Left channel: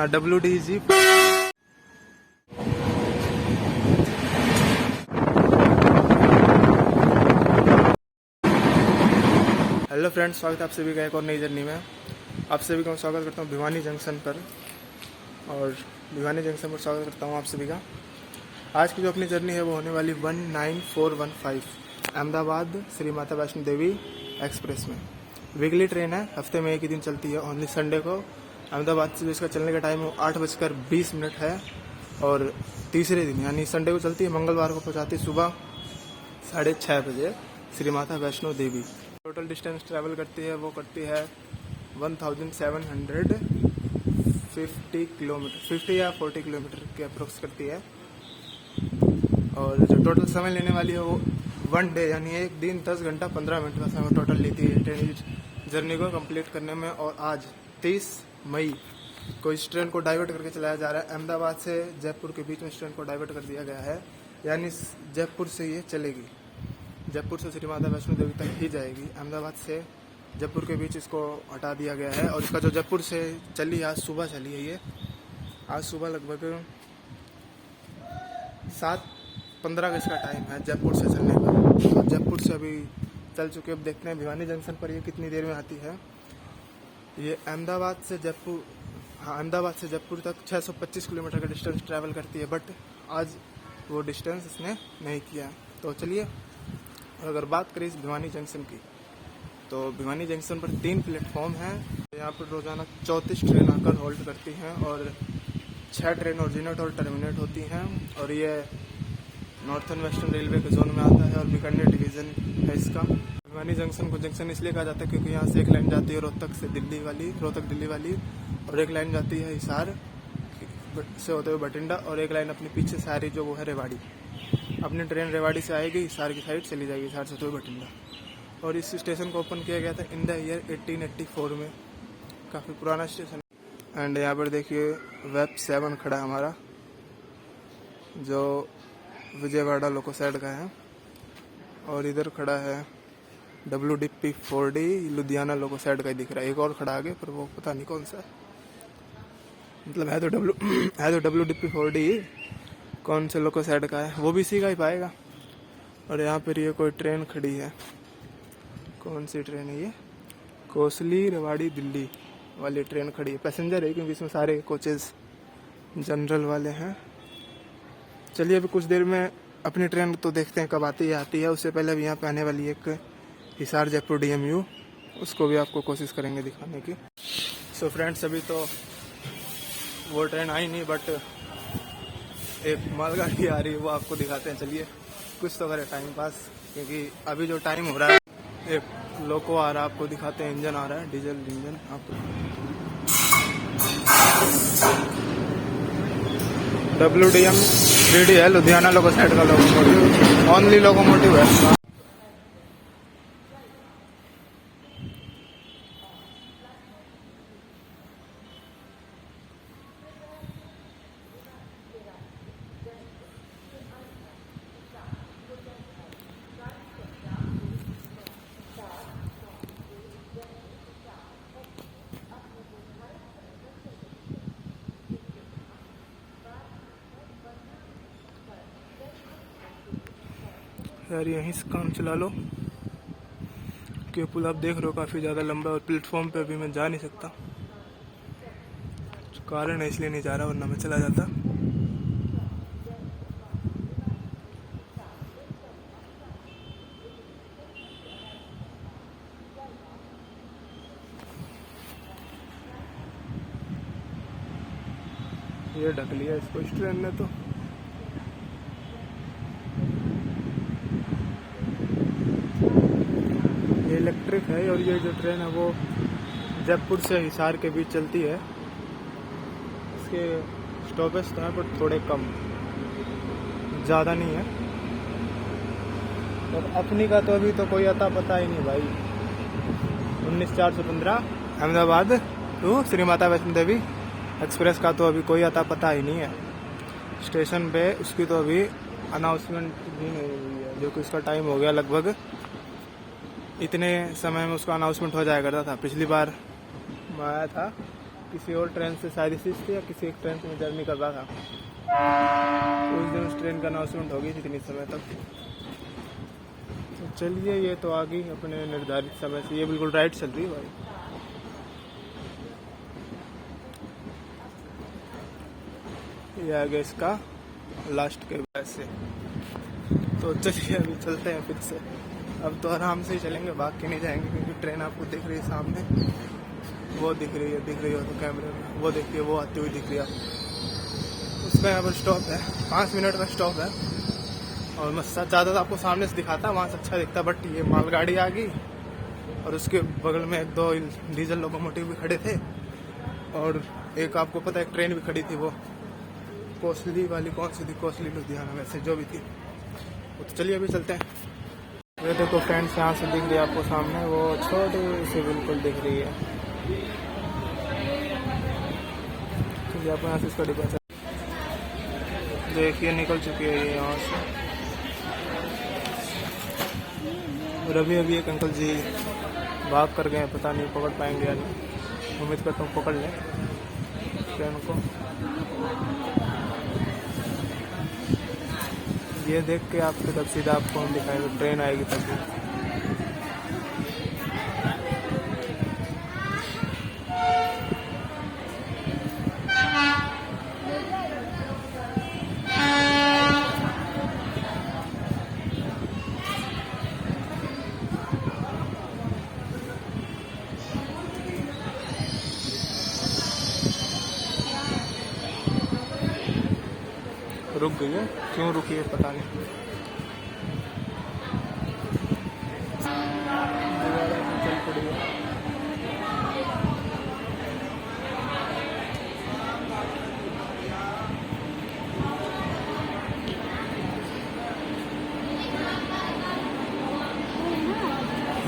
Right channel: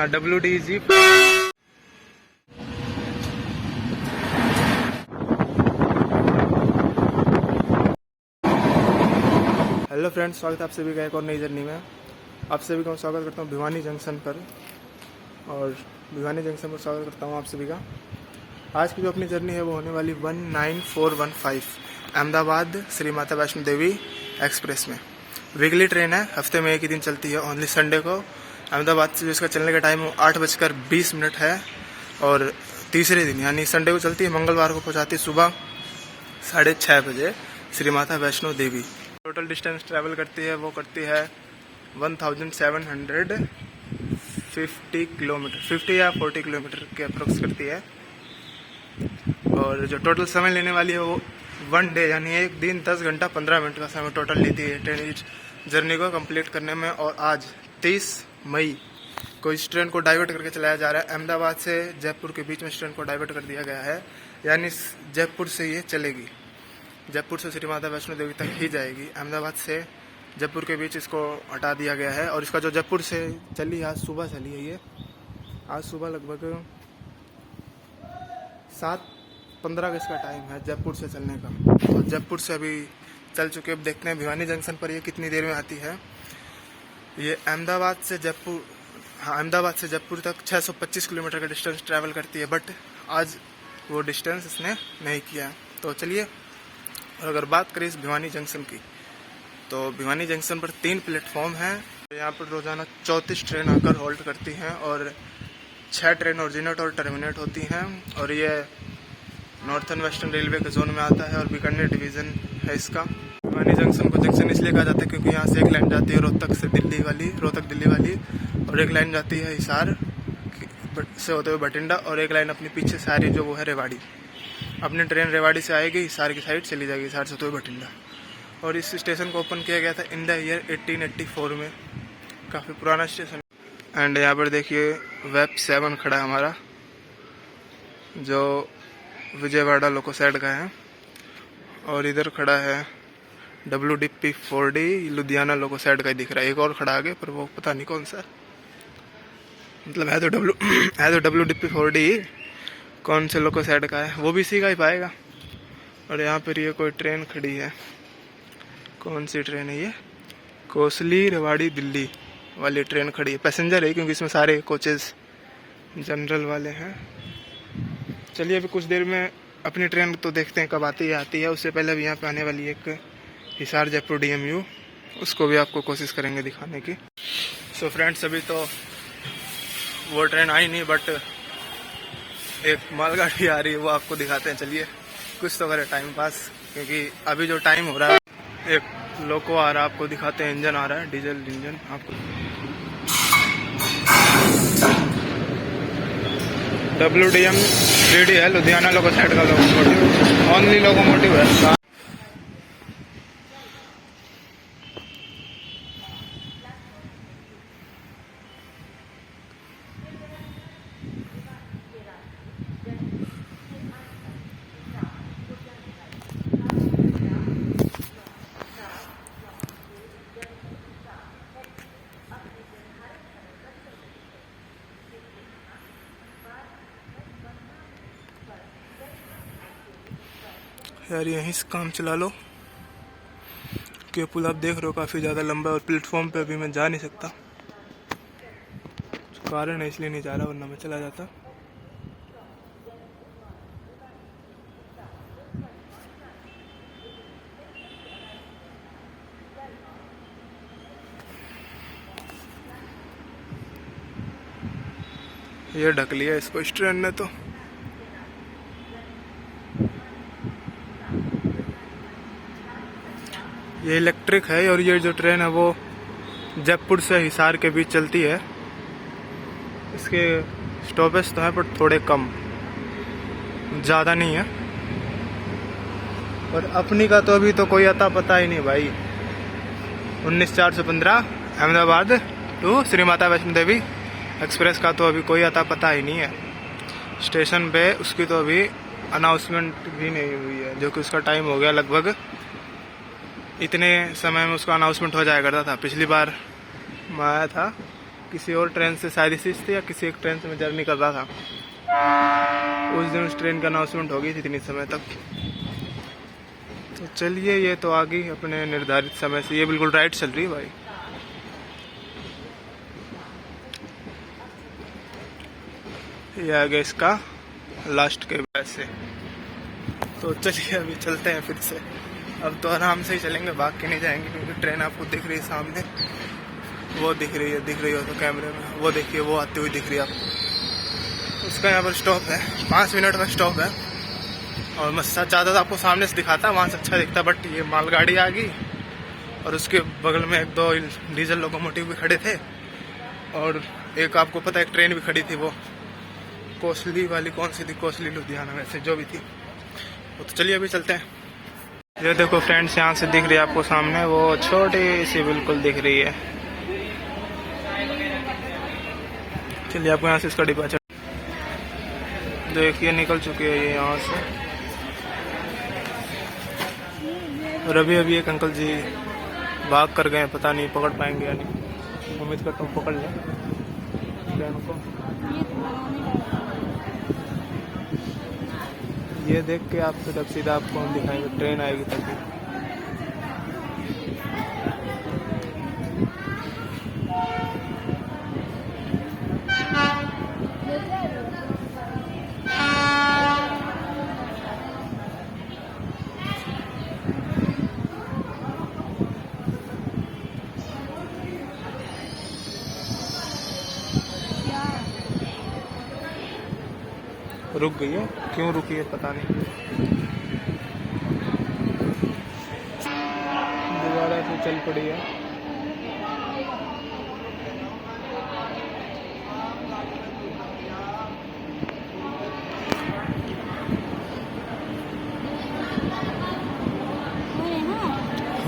ना WDG। Hello friends, स्वागत है आप सभी का एक और नई जर्नी में। आप सभी का मैं स्वागत करता हूँ भिवानी जंक्शन पर, और भिवानी जंक्शन पर स्वागत करता हूँ आप सभी का। आज की जो अपनी जर्नी है वो होने वाली 19415 अहमदाबाद श्री माता वैष्णो देवी एक्सप्रेस में। वीकली ट्रेन है, हफ्ते में एक ही दिन चलती है, ओनली संडे को। अहमदाबाद से जो इसका चलने का टाइम है 8:20 है, और तीसरे दिन यानी संडे को चलती है, मंगलवार को पहुँचाती है सुबह 6:30 बजे Shri Mata Vaishno Devi. Total distance travel करती है वो करती है 1750 किलोमीटर, 50 या 40 किलोमीटर के अप्रोक्स करती है। और जो टोटल समय लेने वाली है वो 1 डे यानी एक दिन 10 घंटा 15 मिनट का समय टोटल लेती है ट्रेन इस जर्नी को कंप्लीट करने में। और आज 23 मई को इस ट्रेन को डाइवर्ट करके चलाया जा रहा है। अहमदाबाद से जयपुर के बीच में इस ट्रेन को डाइवर्ट कर दिया गया है, यानी जयपुर से ये चलेगी, जयपुर से श्री माता वैष्णो देवी तक ही जाएगी। अहमदाबाद से जयपुर के बीच इसको हटा दिया गया है। और इसका जो जयपुर से चली, आज सुबह चली है ये, आज सुबह लगभग 7:15 का इसका टाइम है जयपुर से चलने का। तो जयपुर से अभी चल चुके, अब देखते हैं भिवानी जंक्शन पर ये कितनी देर में आती है। ये अहमदाबाद से जयपुर तक 625 किलोमीटर का डिस्टेंस ट्रैवल करती है, बट आज वो डिस्टेंस इसने नहीं किया। तो चलिए, और अगर बात करें इस भिवानी जंक्शन की, तो भिवानी जंक्शन पर 3 प्लेटफॉर्म हैं। यहाँ पर रोजाना 34 ट्रेन आकर होल्ड करती हैं, और 6 ट्रेन ओरिजिनेट और टर्मिनेट होती हैं। और ये नॉर्थन वेस्टर्न रेलवे के जोन में आता है, और बीकानेर डिवीज़न है इसका। भिवानी जंक्शन को जंक्शन इसलिए कहा जाता है क्योंकि यहाँ से एक लाइन जाती है रोहतक दिल्ली वाली, और एक लाइन जाती है हिसार से होते हुए बठिंडा, और एक लाइन अपनी पीछे से आ रही जो वो है रेवाड़ी। अपनी ट्रेन रेवाड़ी से आएगी, हिसार की साइड चली जाएगी, हिसार से होते हुए बठिंडा। और इस स्टेशन को ओपन किया गया था इन द ईयर 1884 में, काफ़ी पुराना स्टेशन। एंड यहाँ पर देखिए वेब 7 खड़ा है हमारा, जो विजयवाड़ा लोको साइड का है। और इधर खड़ा है WDP 4D लुधियाना लोको साइड का ही दिख रहा है। एक और खड़ा आगे, पर वो पता नहीं कौन सा, मतलब है तो WDP 4D, कौन से लोको साइड का है वो भी इसी का ही पाएगा। और यहाँ पर ये कोई ट्रेन खड़ी है, कौन सी ट्रेन है ये, कोसली रेवाड़ी दिल्ली वाली ट्रेन खड़ी है। पैसेंजर है क्योंकि इसमें सारे कोचेस जनरल वाले हैं। चलिए अभी कुछ देर में अपनी ट्रेन तो देखते हैं कब आती है। उससे पहले अभी यहाँ पे आने वाली एक हिसार जयपुर DMU, उसको भी आपको कोशिश करेंगे दिखाने की। सो फ्रेंड्स, अभी तो वो ट्रेन आई नहीं, बट एक मालगाड़ी आ रही है, वो आपको दिखाते हैं। चलिए कुछ तो करे टाइम पास, क्योंकि अभी जो टाइम हो रहा है, एक लोको आ रहा है, आपको दिखाते हैं। इंजन आ रहा है, डीजल इंजन आपको। WDM 3D है, लुधियाना लोको साइड का लोकोमोटिव, ओनली लोकोमोटिव है। यार यहीं से काम चला लो, कि पुल आप देख रहे हो काफ़ी ज़्यादा लंबा है, और प्लेटफॉर्म पे अभी मैं जा नहीं सकता, कारण है इसलिए नहीं जा रहा, वरना मैं चला जाता। ये ढक लिया इसको इस ट्रेन ने तो। ये इलेक्ट्रिक है, और ये जो ट्रेन है वो जयपुर से हिसार के बीच चलती है। इसके स्टॉपेज तो हैं पर थोड़े कम, ज़्यादा नहीं है। और अपनी का तो अभी तो कोई अता पता ही नहीं भाई। 19/4/15 अहमदाबाद टू श्री माता वैष्णो देवी एक्सप्रेस का तो अभी कोई अता पता ही नहीं है स्टेशन पे। उसकी तो अभी अनाउंसमेंट भी नहीं हुई है, जो कि उसका टाइम हो गया लगभग। इतने समय में उसका अनाउंसमेंट हो जाया करता था। पिछली बार मैं आया था किसी और ट्रेन से शायद इसी से या किसी एक ट्रेन से मैं जर्नी कर रहा था। उस दिन उस ट्रेन का अनाउंसमेंट हो गई थी इतनी समय तक। तो चलिए, ये तो आ गई अपने निर्धारित समय से। ये बिल्कुल राइट चल रही है भाई। ये आ गया इसका लास्ट के वैसे। तो चलिए अभी चलते हैं फिर से। अब तो आराम से ही चलेंगे, भाग के नहीं जाएंगे, क्योंकि ट्रेन आपको दिख रही है सामने, वो दिख रही हो तो कैमरे में, वो देखिए वो आती हुई दिख रही है आपको। उसका यहाँ पर स्टॉप है, 5 मिनट का स्टॉप है। और मैं ज़्यादा आपको सामने से दिखाता, वहाँ से अच्छा दिखता, बट ये मालगाड़ी आ गई और उसके बगल में 1-2 डीजल लोकोमोटिव भी खड़े थे, और एक आपको पता है एक ट्रेन भी खड़ी थी, वो कोसली वाली, कौन सी थी, कोसली लुधियाना में से जो भी थी वो। तो चलिए अभी चलते हैं। ये देखो फ्रेंड्स, यहाँ से दिख रही है आपको सामने, वो छोटी सी बिल्कुल दिख रही है। चलिए आपको यहाँ से इसका डिब्बा देखिए निकल चुकी है ये यहाँ से। और अभी एक अंकल जी भाग कर गए, पता नहीं पकड़ पाएंगे या नहीं। उम्मीद करता हूँ पकड़ लें ट्रेन को। ये देख के आप फिर अब सीधा आपको हम दिखाएंगे, ट्रेन आएगी तभी। रुक गई है, क्यों रुकी है पता नहीं। दोबारा से चल पड़ी है।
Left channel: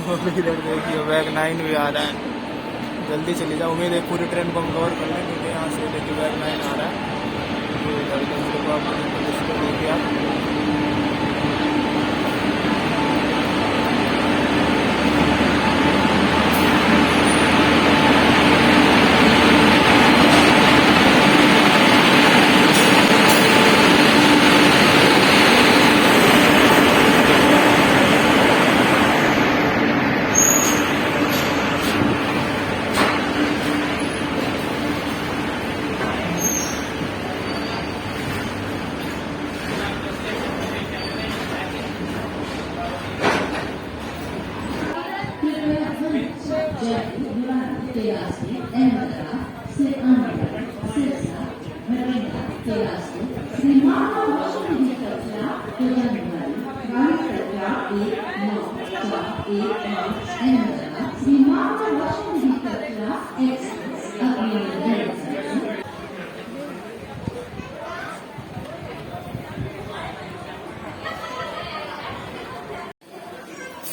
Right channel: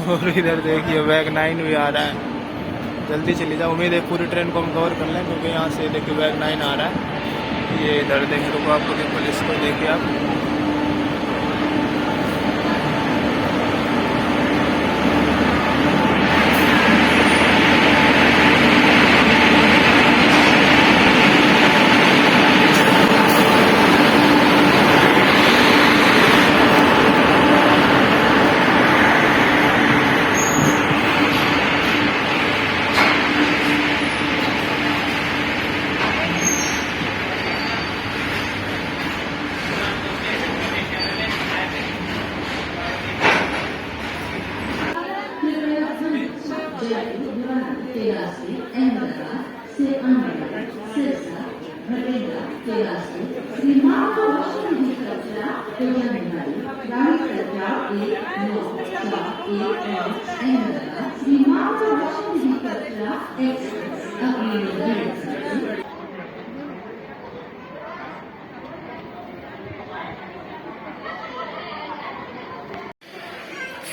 और इधर देखिए बैग 9 भी आ रहा है। जल्दी चली जाओ, उम्मीद है पूरी ट्रेन को हम कवर कर लें, क्योंकि यहाँ से देखिए बैग 9 आ रहा है। ये इधर देखिए, रुको आपको पुलिस को देखिए आप।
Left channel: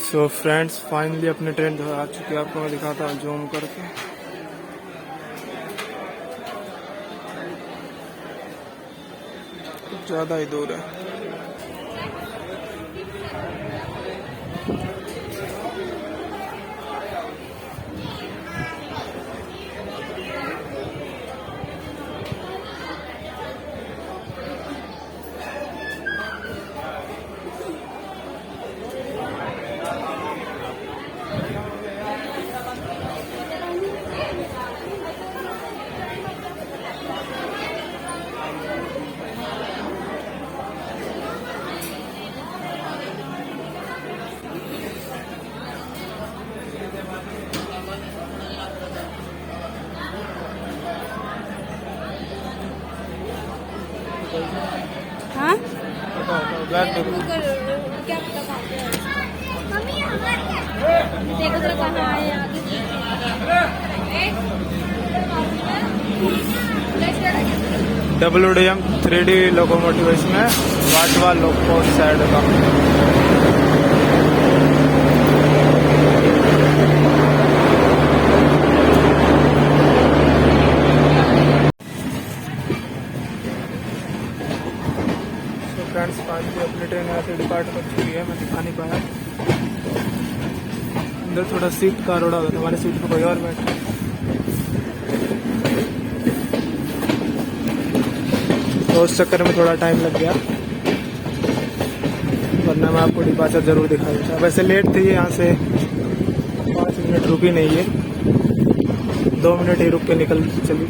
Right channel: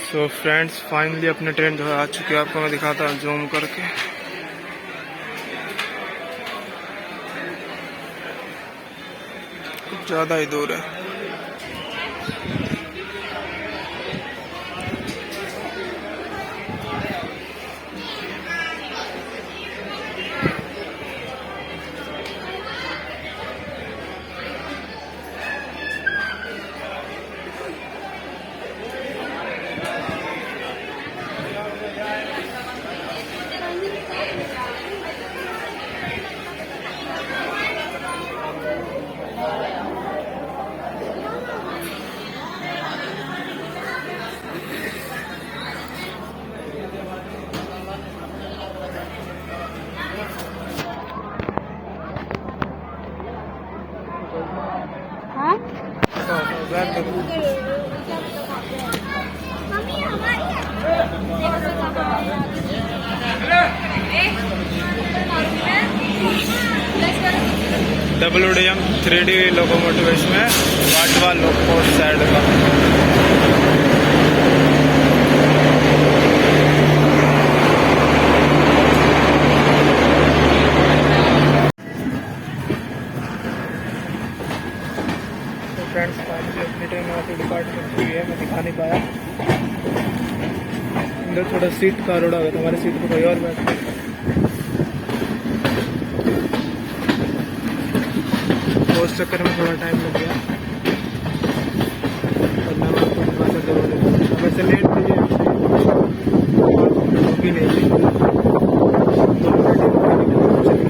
सो फ्रेंड्स, फाइनली अपनी ट्रेन जो है आ चुकी है। आपको मैं दिखाता हूँ जूम करके। कुछ ज़्यादा ही दूर है। WDM 3D लोकोमोटिव इसमें वाटवा लोको साइड का। फ्रेंड्स, फाइनली अपनी ट्रेन यहाँ से डिपार्ट कर चुकी है। मैं दिखा नहीं पाया, अंदर थोड़ा सीट का रोड़ा हुआ, हमारे सीट पर कोई और बैठा। तो उस चक्कर में थोड़ा टाइम लग गया, वरना मैं आपको डिपार्चर जरूर दिखाऊंगा। वैसे लेट थी यहाँ से 5 मिनट रुकी नहीं है, 2 मिनट ही रुक के निकल चली।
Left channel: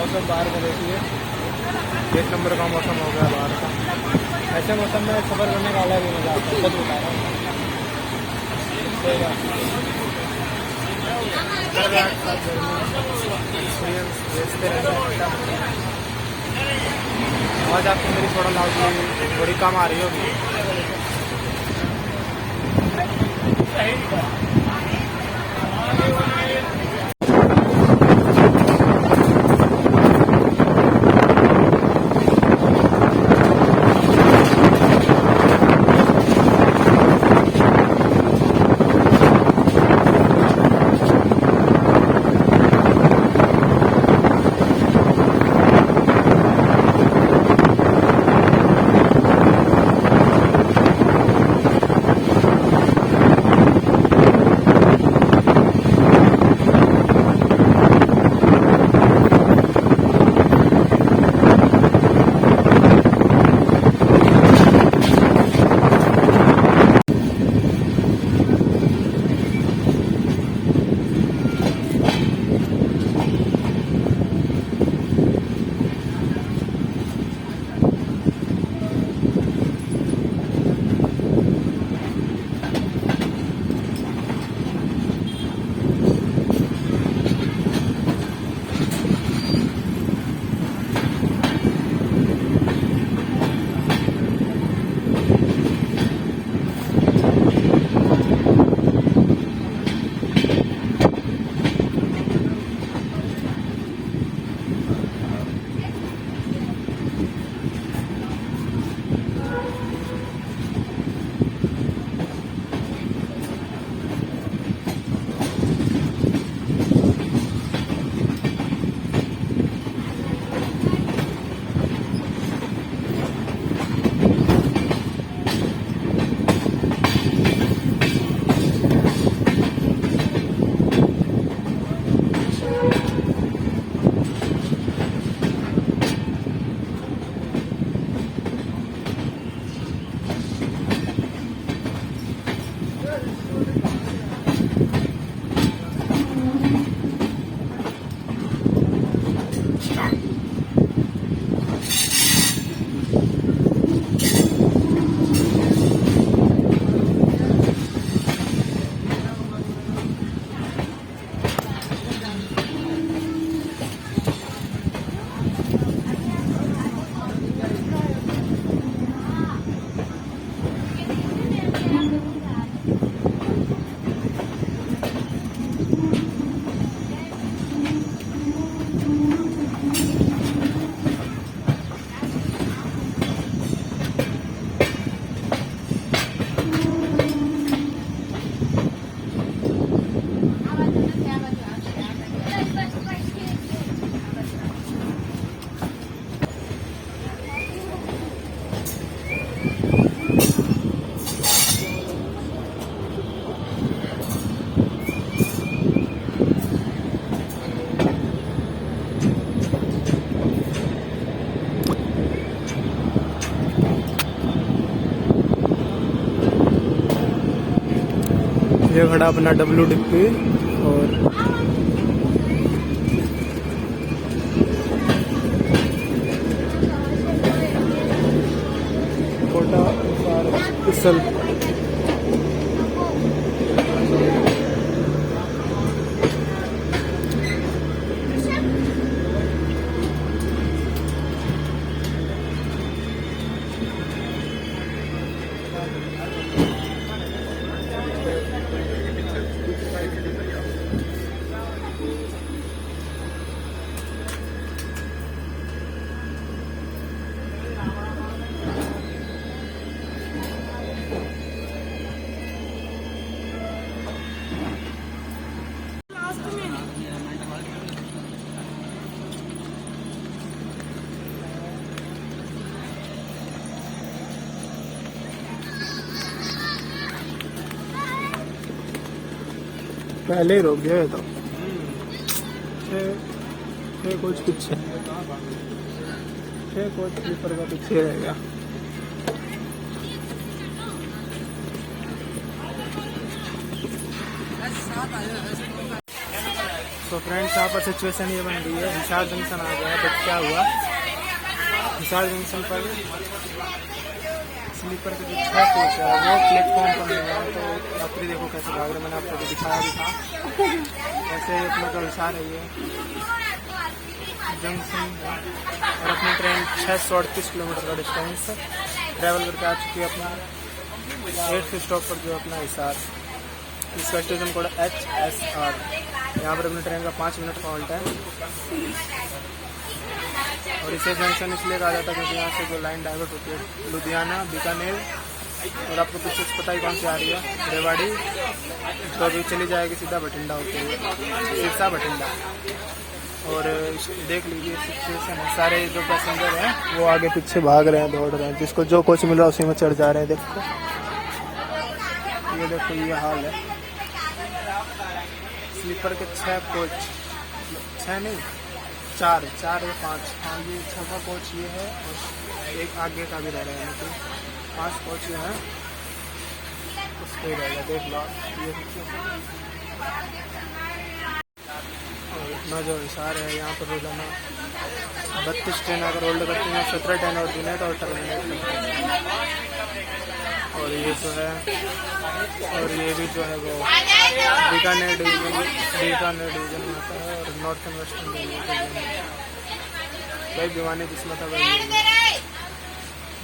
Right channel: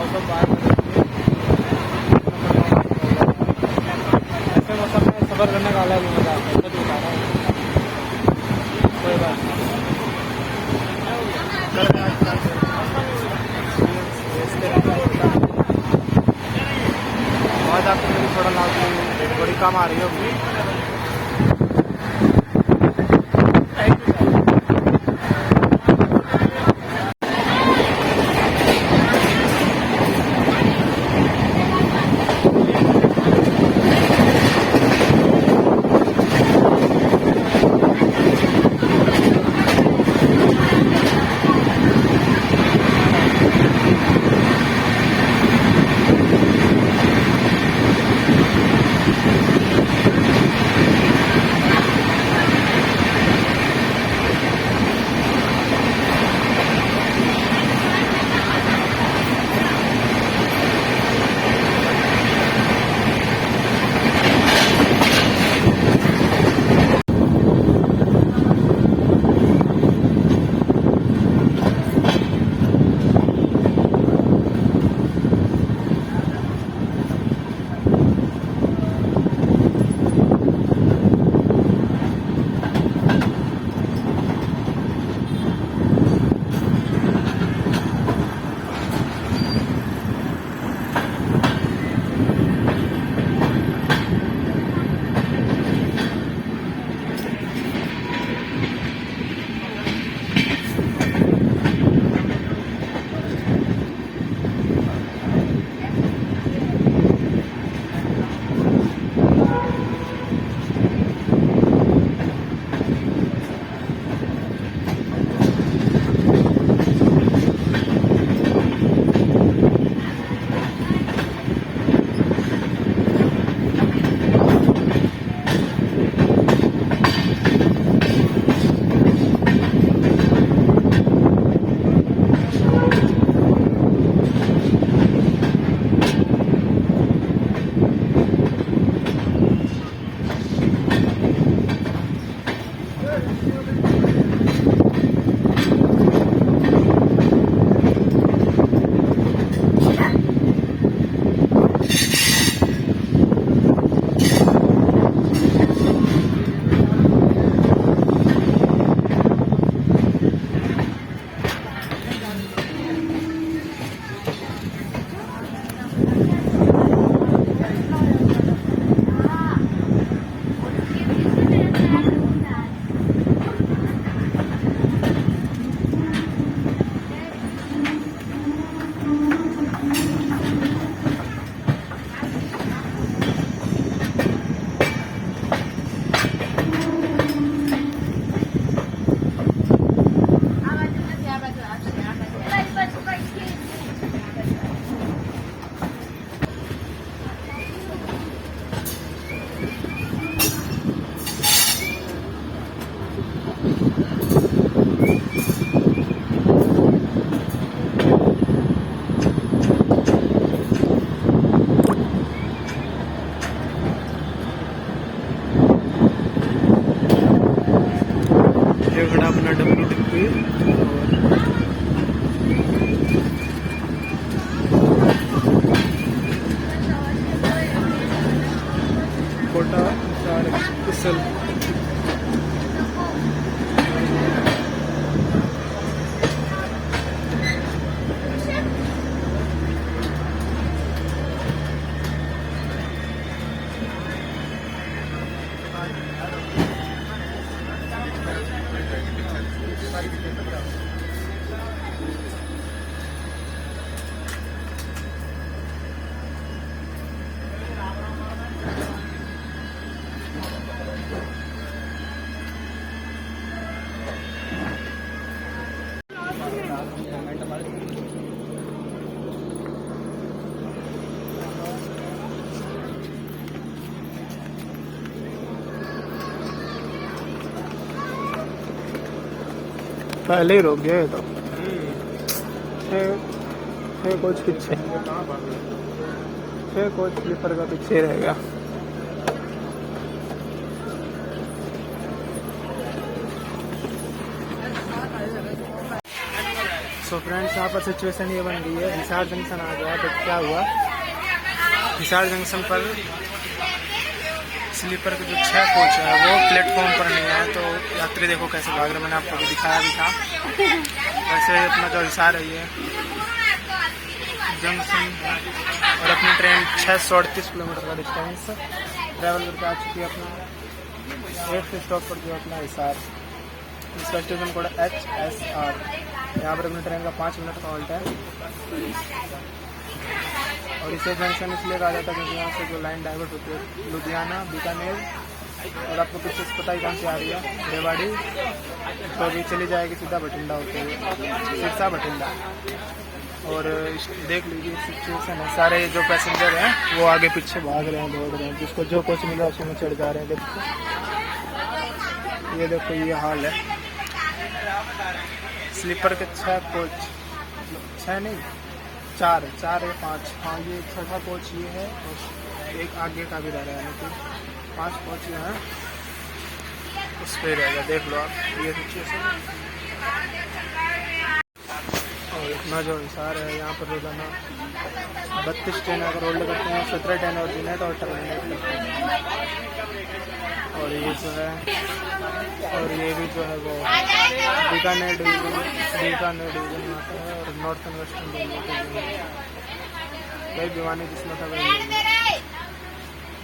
मौसम बाहर में देखिए, एक नंबर का मौसम हो गया बाहर। ऐसे मौसम में सफ़र करने का अलग ही मज़ा आता है, सच बता रहा हूँ। कोई बात नहीं, कर रहे एक्सपीरियंस भेजते रहते हैं। आवाज़ आपको मेरी थोड़ा लाउडली थोड़ी कम आ रही होगी। खड़ा अपना WDP और कोटा इसल। पहले ही रोक दिया ये तो। कोच पीछे, कोच स्लीपर का पीछे रहेगा। सो फ्रेंड्स, यहाँ पर सिचुएशन ये बन गई है, हिसार जंक्शन आ गया है। बट क्या हुआ, हिसार जंक्शन पर स्लीपर के जो 6 कोच है वो प्लेटफॉर्म पर नहीं है। तो यात्री देखो कैसे भाग रहे, मैंने आपको भी दिखाया भी था। वैसे अपना जो हिसार है ये जंक्शन है और अपनी ट्रेन 638 किलोमीटर का डिस्टेंस ट्रैवल करके आ चुकी है अपना 8th स्टॉप पर, जो अपना हिसार। इसका स्टेशन कोड HSR। यहाँ पर अपनी ट्रेन का 5 मिनट का हॉल्ट है। और इसे जंक्शन इसलिए कहा जाता है क्योंकि यहाँ से जो लाइन डाइवर्ट होती है लुधियाना, बीकानेर और आपको पीछे से पता ही कौन सी आ रही है, रेवाड़ी, तो अभी चली जाएगी सीधा बठिंडा होते हुए, सिरसा बठिंडा। और देख लीजिए सिचुएशन है, सारे जो पैसेंजर हैं वो आगे पीछे भाग रहे हैं, दौड़ रहे हैं, जिसको जो कोच मिला उसी में चढ़ जा रहे हैं। देखो ये देखो, ये हाल है। स्लीपर के 6 कोच, 6 नहीं 4 या 5, हाँ ये 6वां कोच ये है और एक आगे का भी रह रहा है, यानी कि 5 कोच जो है उस पर रहेगा। देख लो आप ये सिचुएशन। और इतना जो हिसार है, यहाँ पर रोजाना 32 ट्रेन अगर होल्ड करते हैं, 17 ट्रेन ऑर्डिनेट और टर्मिनेट करते हैं। और ये जो है, और ये भी जो है वो बीकानेर डिवीजन में आता है और नॉर्थन वेस्टर्न डिवीजन। भाई भिवानी जिसमें था भाई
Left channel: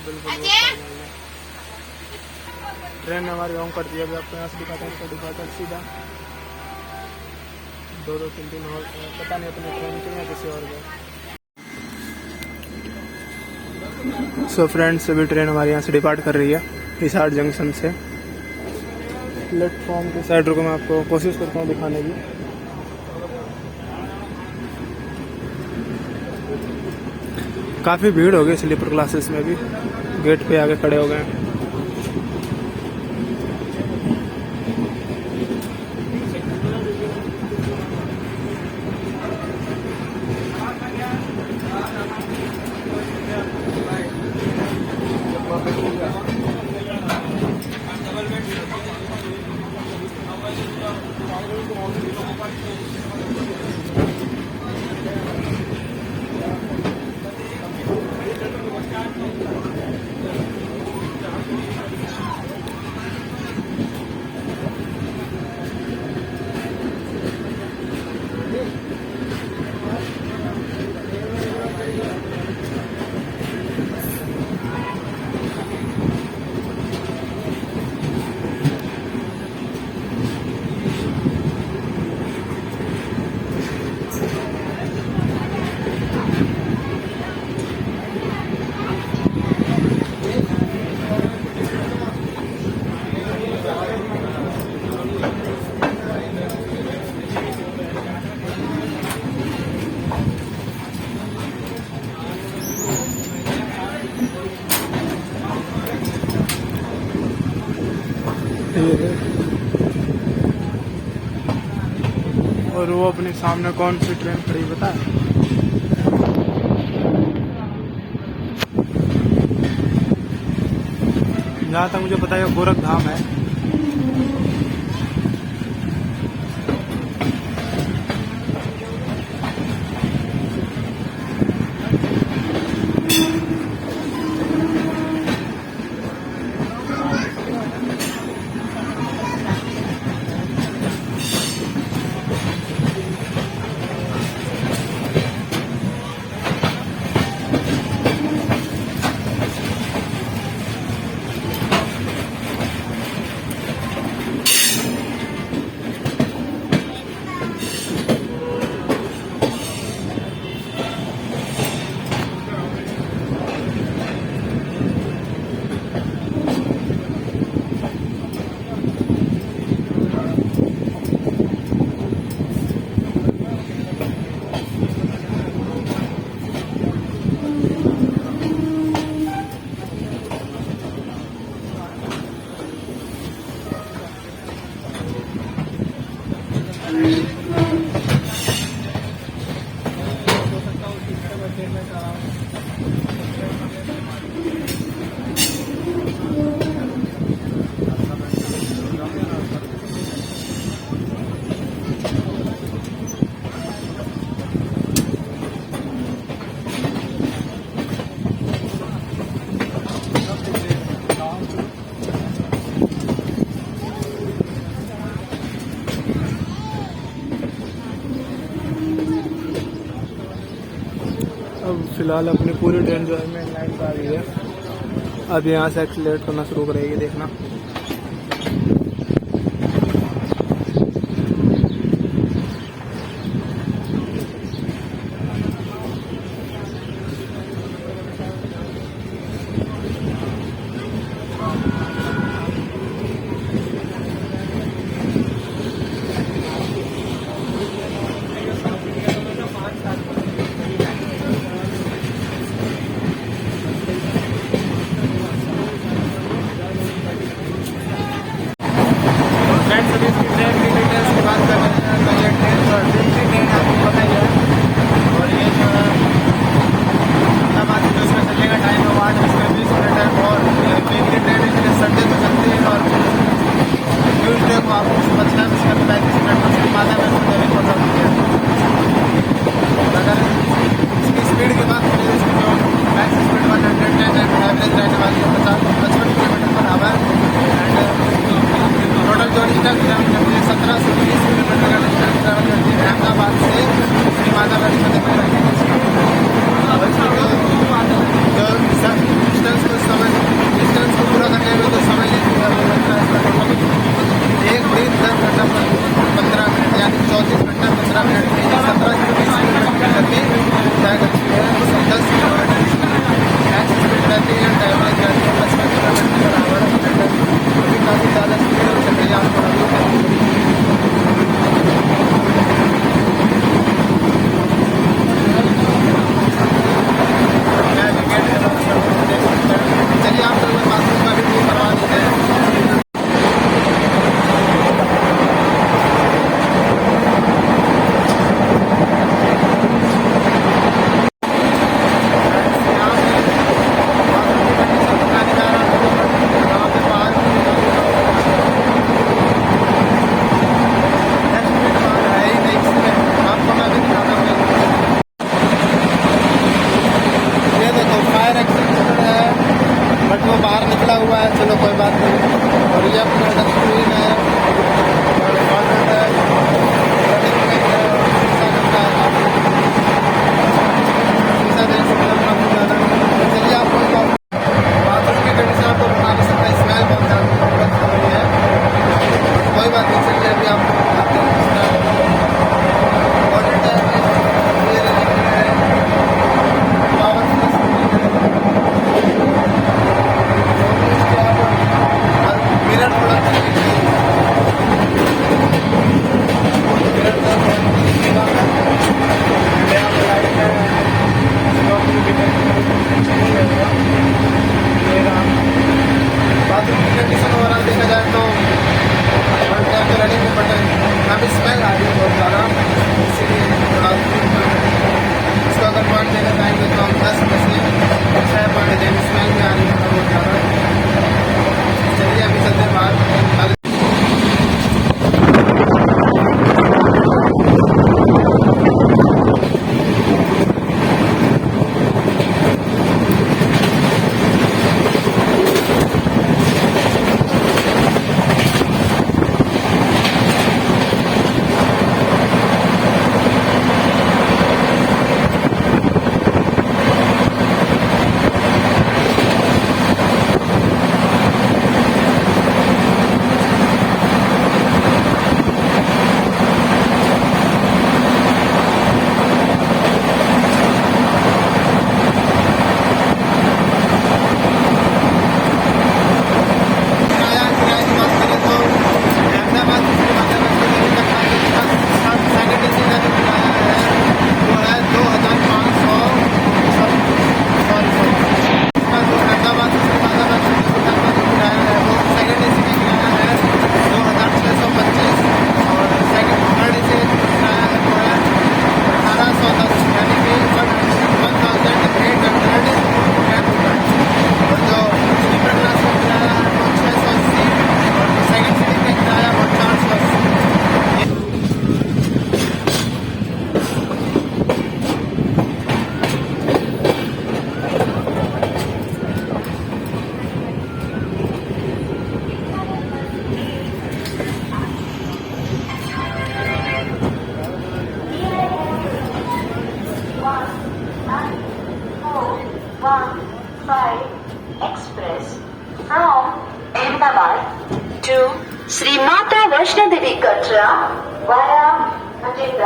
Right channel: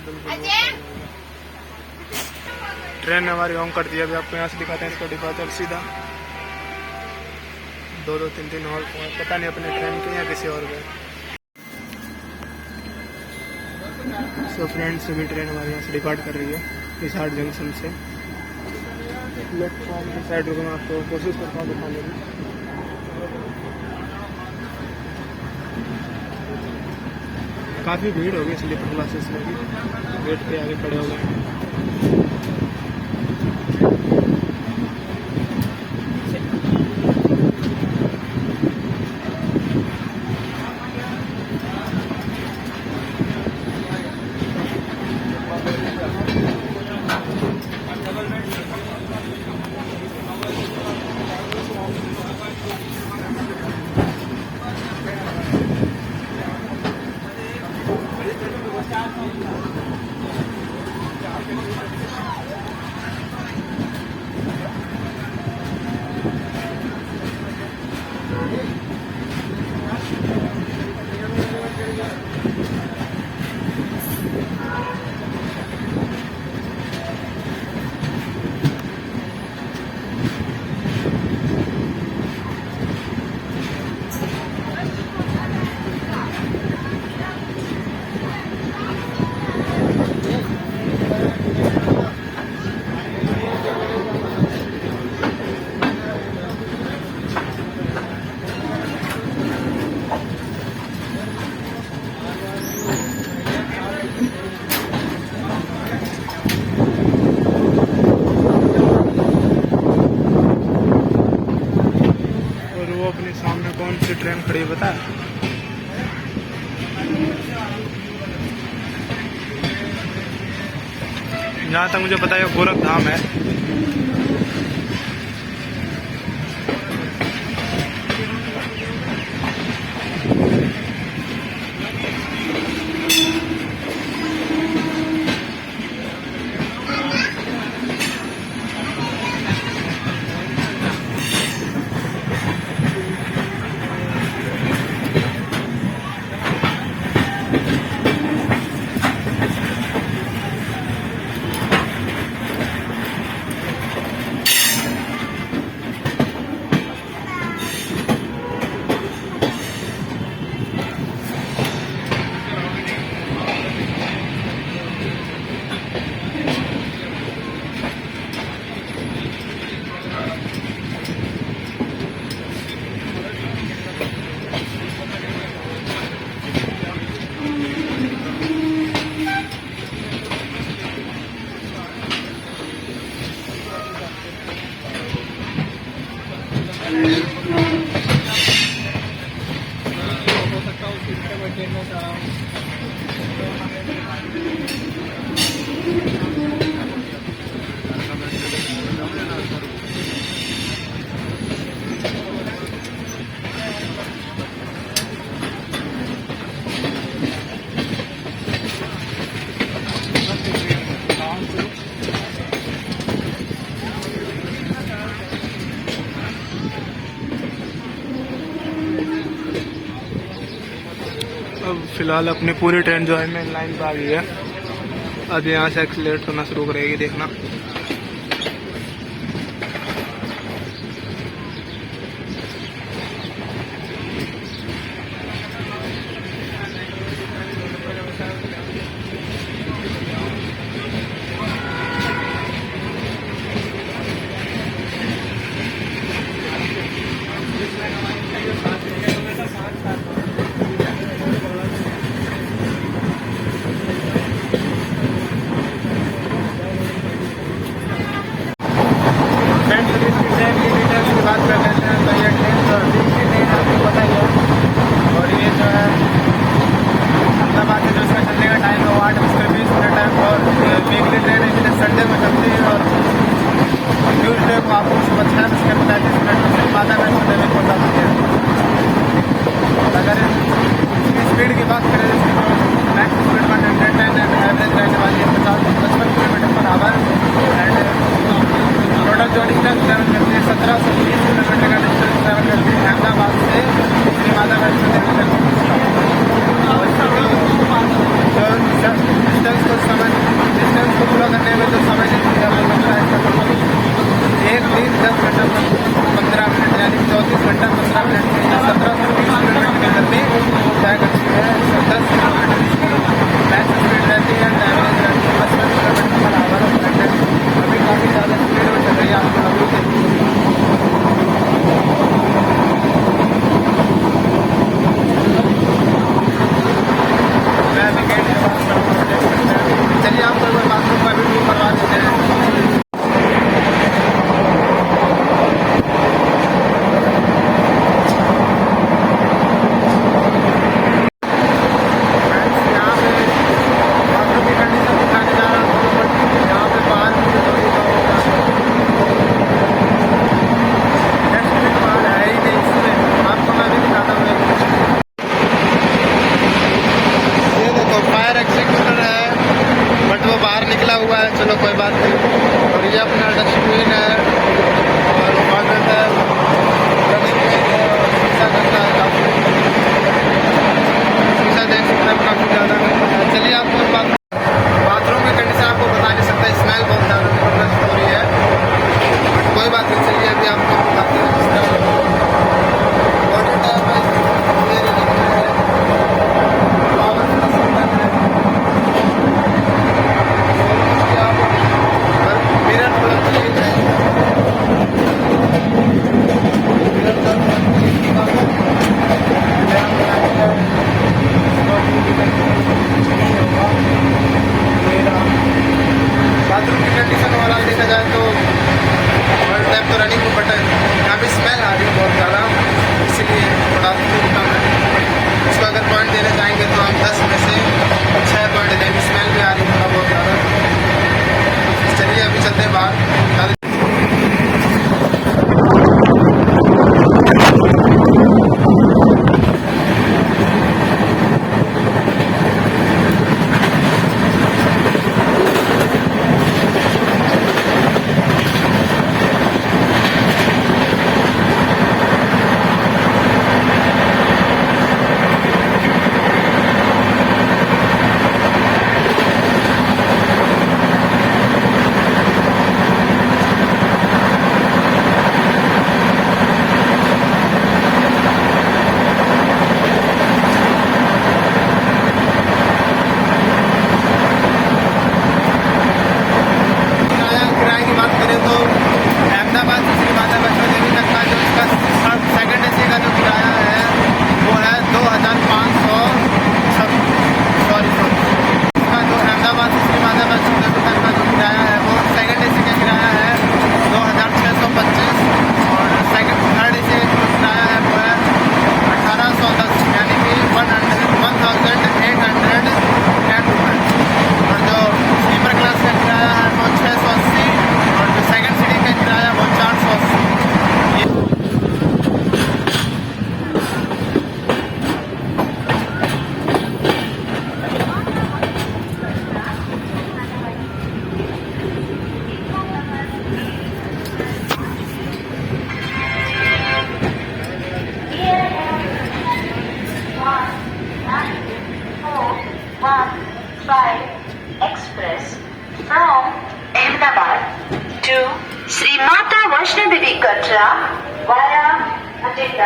बिल्कुल वो है। ट्रेन ने हमारी ऑन कर दिया। अभी आपको यहाँ से दिखाते हैं इसका डिपार्चर सीधा 2-2, 3-3 और पता नहीं अपने ट्रेन के या किसी और के। सो फ्रेंड्स, अभी ट्रेन हमारे यहाँ से डिपार्ट कर रही है हिसार जंक्शन से। प्लेटफॉर्म के साइड रुको, मैं आपको कोशिश करता हूँ दिखाने की। काफ़ी भीड़ हो गई स्लीपर क्लासेस में भी, गेट पे आगे खड़े हो गए हैं। वो अपने सामने कौन सी ट्रेन खड़ी बता है। जहाँ तक मुझे पता है गोरखधाम है। अब फिलहाल अपनी पूरी ट्रेन जो है मेन लाइन पर आ गई है। अब यहाँ से एक्सीलरेट करना शुरू करेगी, देखना।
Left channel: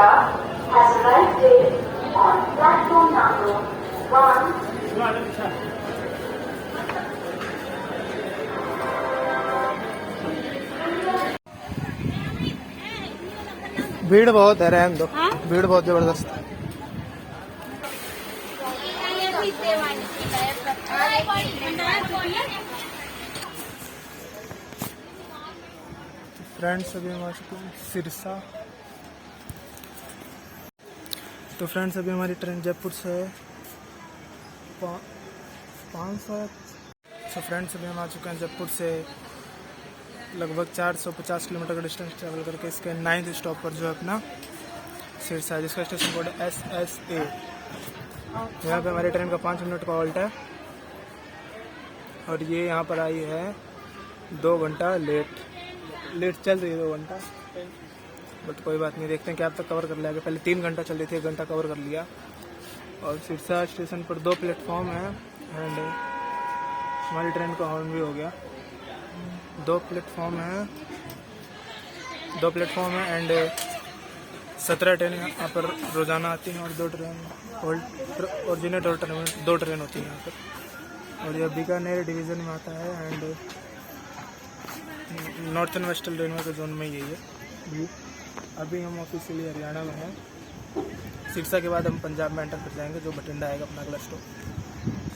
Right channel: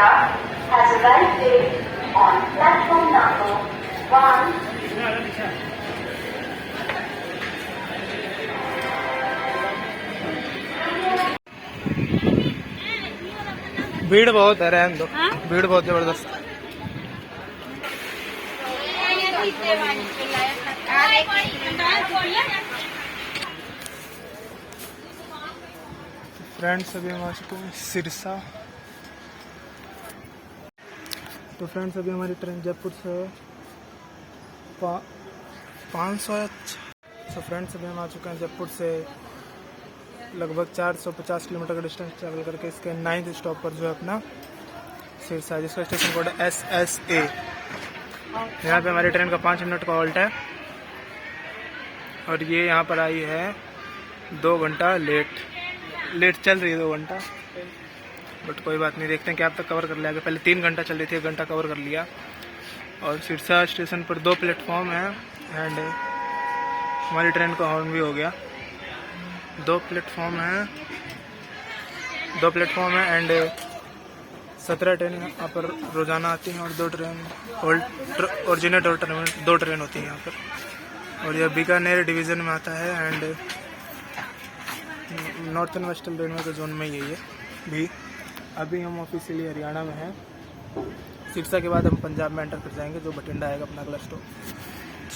Sirsa has arrived on platform number 1. भीड़ बहुत है, रहने दो। भीड़ बहुत जबरदस्त है। फ्रेंड्स अभी हम आ चुके हैं सिरसा। तो फ्रेंड्स अभी हमारी ट्रेन जयपुर से 500। सो फ्रेंड्स अभी हम आ चुके हैं जयपुर से लगभग 450 किलोमीटर का डिस्टेंस ट्रैवल करके इसके 9th स्टॉप पर जो है अपना सिरसा है, जिसका स्टेशन कोड है SSA। यहाँ पे हमारी ट्रेन का 5 मिनट का हॉल्ट है और ये यहाँ पर आई है 2 घंटा लेट चल रही है 2 घंटा, बट कोई बात नहीं, देखते हैं क्या अब तक कवर कर लिया। पहले 3 घंटा चल रही थी, 1 घंटा कवर कर लिया। और सिरसा स्टेशन पर 2 प्लेटफॉर्म हैं एंड हमारी ट्रेन का हॉर्न भी हो गया। 2 प्लेटफॉर्म है एंड 17 ट्रेन यहाँ पर रोज़ाना आती हैं और 2 ट्रेन ओरिजिनेट और टर्मिनेट 2 ट्रेन होती हैं यहाँ पर। और यह बीकानेर डिवीज़न में आता है एंड नॉर्थन वेस्टर्न रेलवे के जोन में यही है भी। अभी हम ऑफिशियली हरियाणा में हैं। सिरसा के बाद हम पंजाब में एंटर कर जाएंगे, जो बठिंडा आएगा अपना अगला स्टॉप।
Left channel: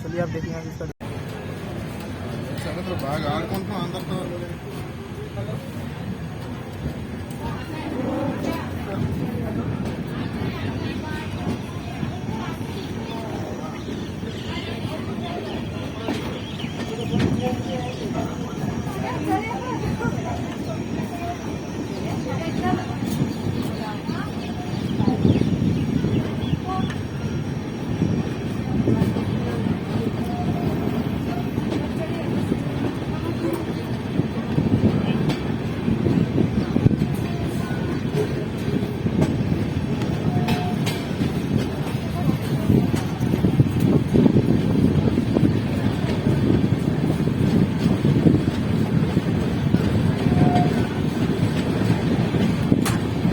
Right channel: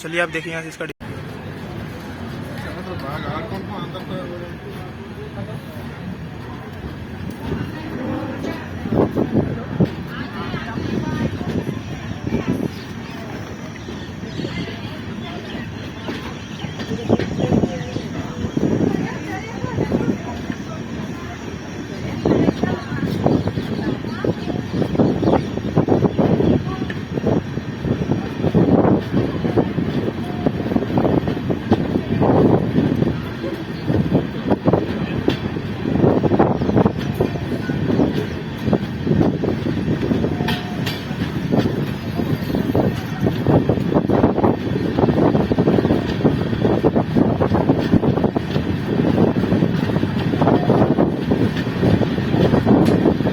चलिए आप देखिए यहाँ से इसका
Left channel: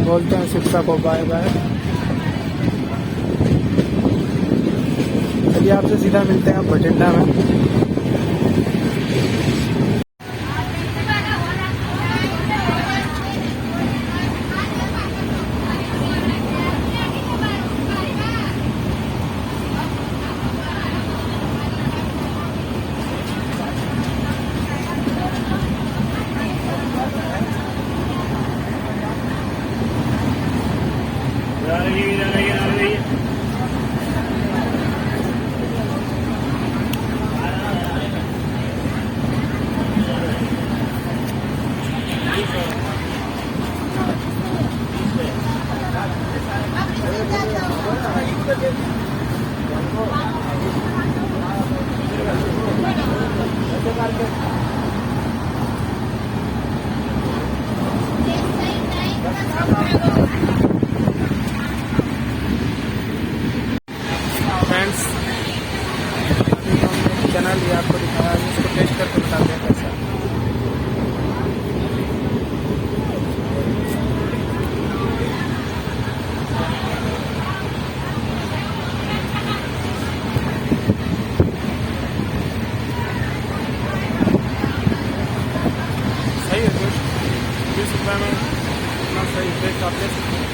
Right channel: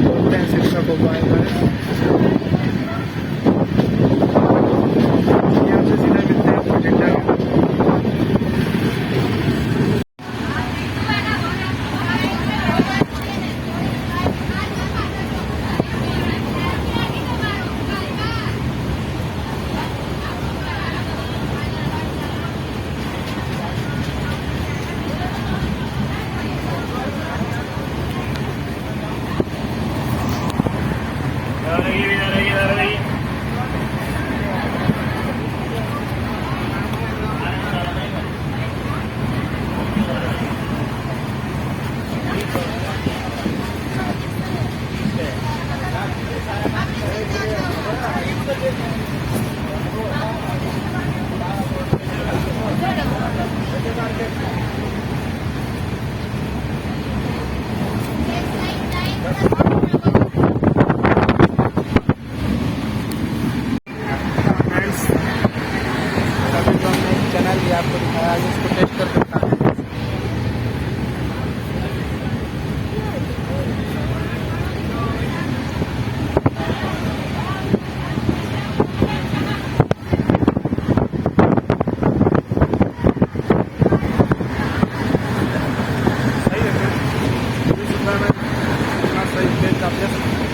बोलते हैं सिरसा को बाय बाय। ये आपसे सीधा मिलते हैं बठिंडा में। फ्रेंड्स अभी तो हमने चना लिया, आपको दिखाया, आगे इसको टेस्ट करके बताते हैं। सही है टेस्ट, 20 रुपये में इतना सही टेस्ट आप ले सकते हैं।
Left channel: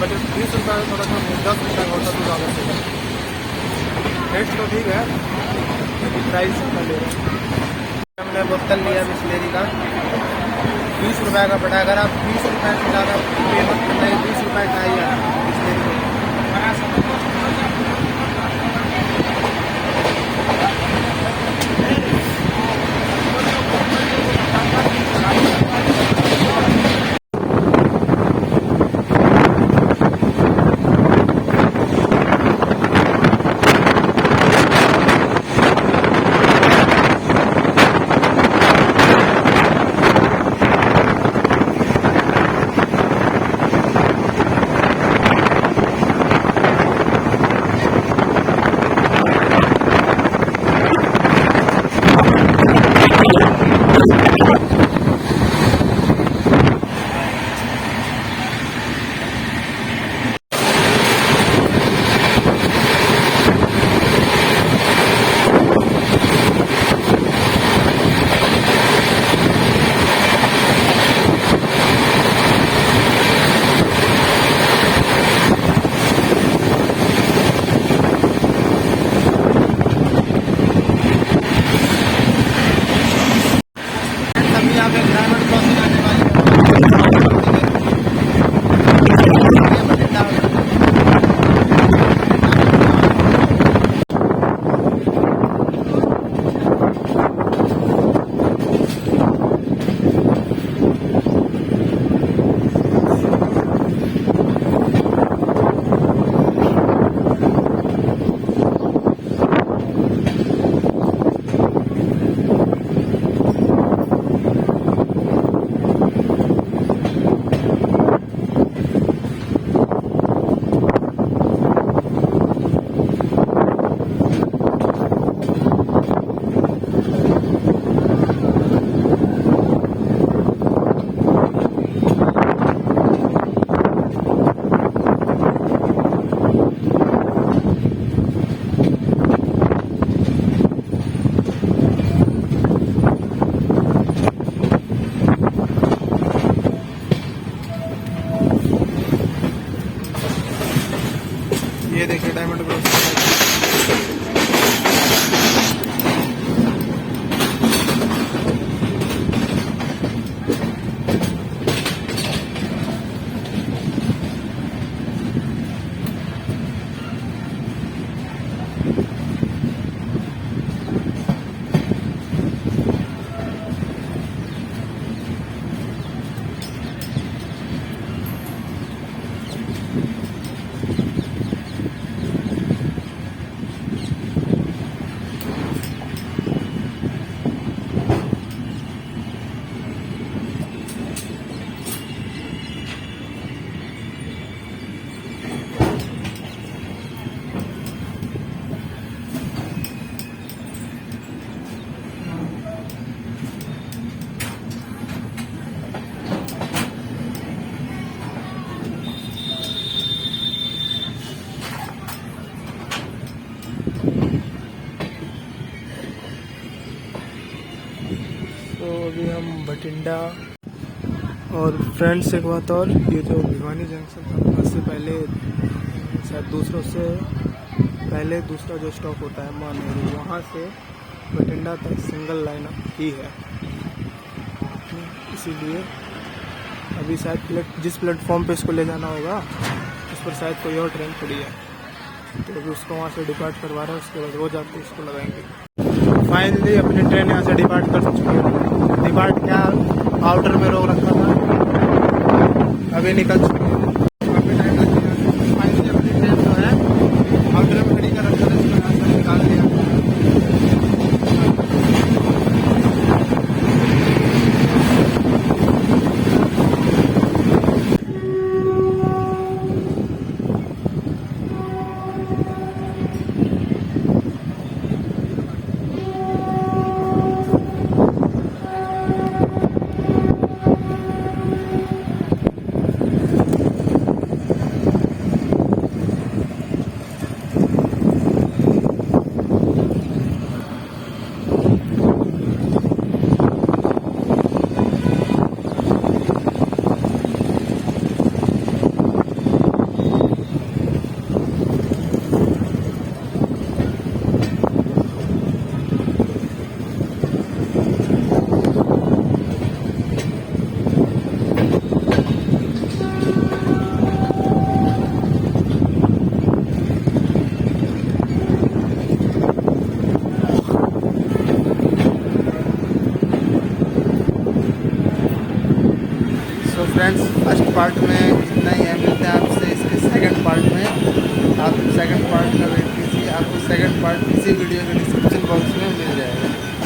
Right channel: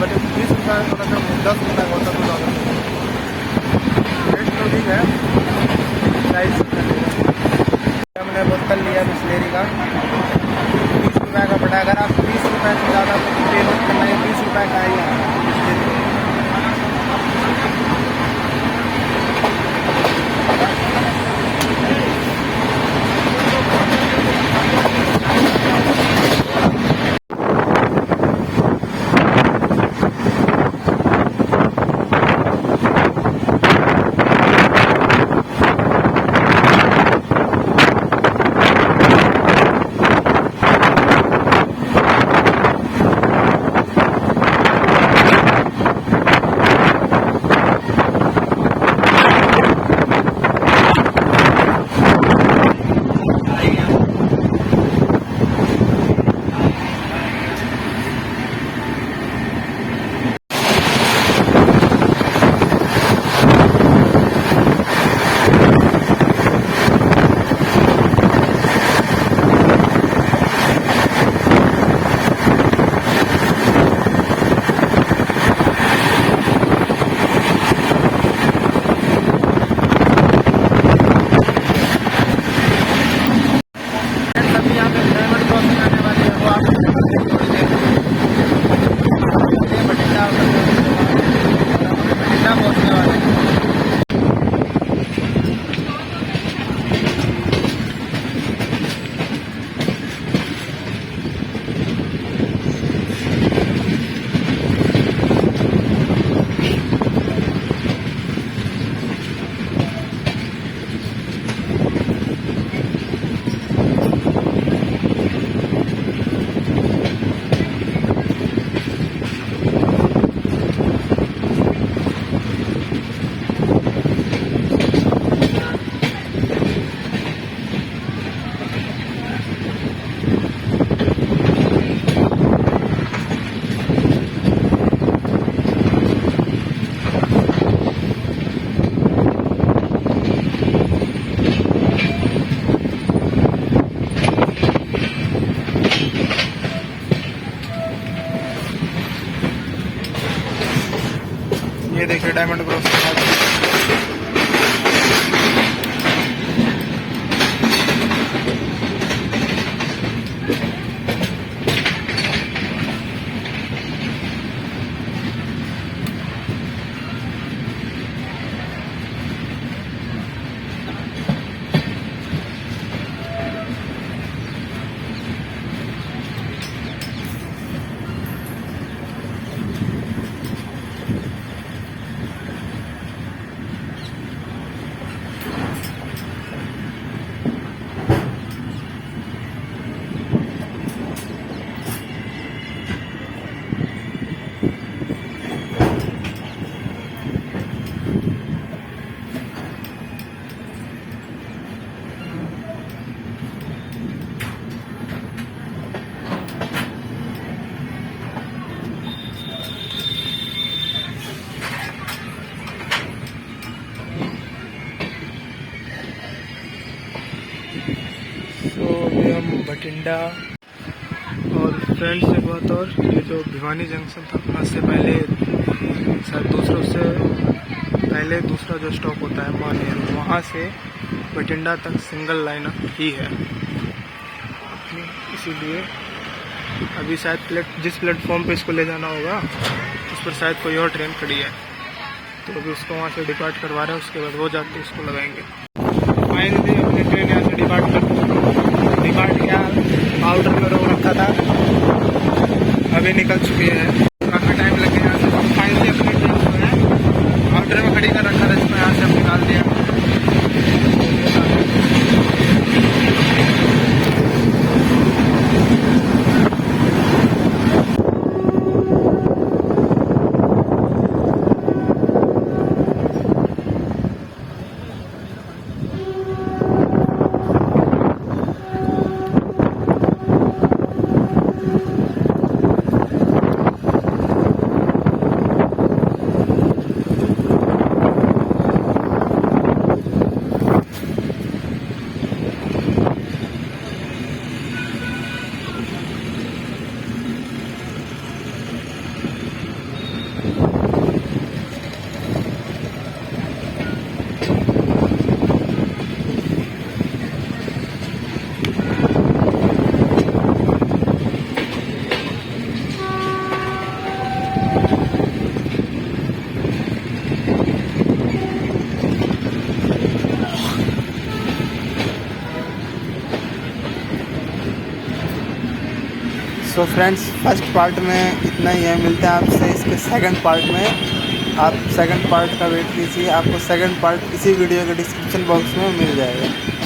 बट 20 रुपये में थोड़ा कम है, 10 रुपये का होता तो ज़्यादा सही है। रेट तो ठीक है, प्राइस कितना ले रहे हैं। हमने बोतल लिया बिस्लेरी का, 20 रुपये का पड़ा। अगर आप 20 रुपये से ज़्यादा पेमेंट करना है, 20 रुपये का ही आता है बिस्लेरी। ये देखिए डायमंड क्रॉस। तो अभी हम बठिंडा और फ्रेंड्स एक बात और, ये जो भिवानी जंक्शन था वहाँ से पहले शायद दूसरों से पहले दूसरा जो स्टॉप होता है मानेर, वहाँ से बठिंडा तक सिंगल लाइन ही है अपनी, इसीलिए अभी शायद जिस प्लेटफॉर्म पे इसको ले जाना होगा उस पर शायद कोई और ट्रेन खड़ी है, तो अभी उसको वहाँ से डिपार्ट करवा रहे हैं, उसके बाद वो जाते इसको लगाएंगे। फाइनली अपनी ट्रेन यहाँ से डिपार्ट क्या आउटर में रोक रखा था, अभी निकल चुके हैं, काफ़ी टाइम लगे यहाँ से। फाइनली अपनी ट्रेन जो है आउटर में खड़ी कर रखा था, इसको यहाँ से हम निकाल दिया। सो फ्रेंड्स, फर्स्ट पार्ट में इतना ही है, मिलते हैं आपसे इसके सेकंड पार्ट में। आप सेकंड पार्ट का वेट कीजिए, आपको सेकंड पार्ट इसी वीडियो के डिस्क्रिप्शन बॉक्स में मिल जाएगा।